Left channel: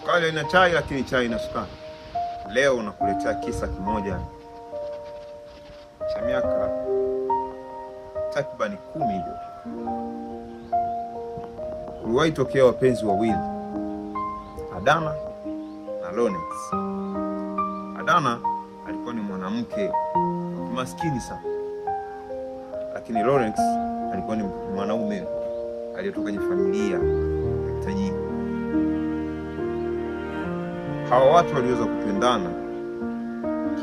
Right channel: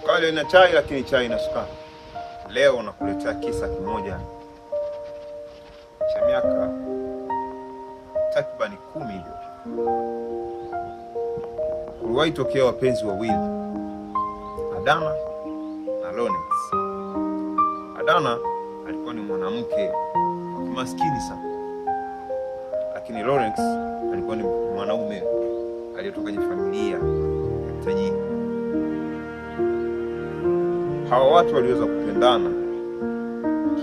Sukari ina chai, lakini chai ina sukari. Leo nakuletea kisa kimoja cha miaka takribani 10 iliyopita. Kuliwahi tokea wapenzi wawili, Adana na Lawrence. Adana alikuwa ni mwanamke maskini sana, lakini Lawrence alikuwa ni mwanaume aliyetoka kwenye familia tajiri. Hao watu waliweza kupendana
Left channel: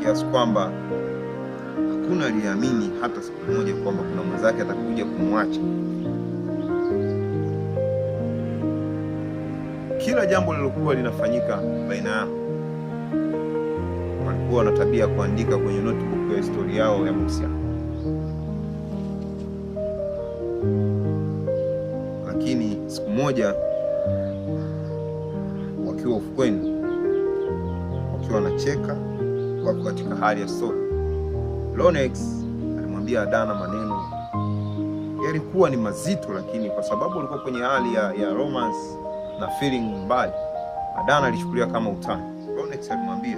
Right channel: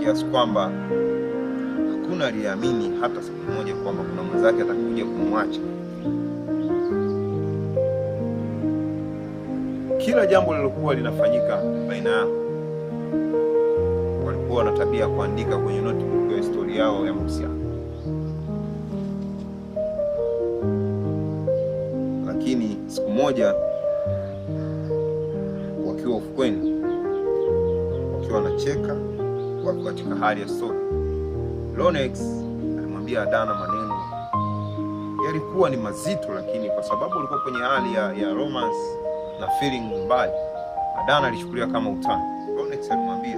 kiasi kwamba hakuna aliyeamini hata siku moja kwamba kuna mwenzake atakuja kumwacha. Kila jambo lilokuwa linafanyika baina yao, walikuwa na tabia kuandika kwenye notebook ya historia yao ya mahusiano. Lakini siku moja wakiwa ufukweni, wakiwa wanacheka, wako katika hali ya story, Lawrence alimwambia Adana maneno yalikuwa ni mazito, lakini kwa sababu alikuwa kwenye hali ya romance na feeling mbaya, Adana alichukulia kama utani. Lawrence alimwambia,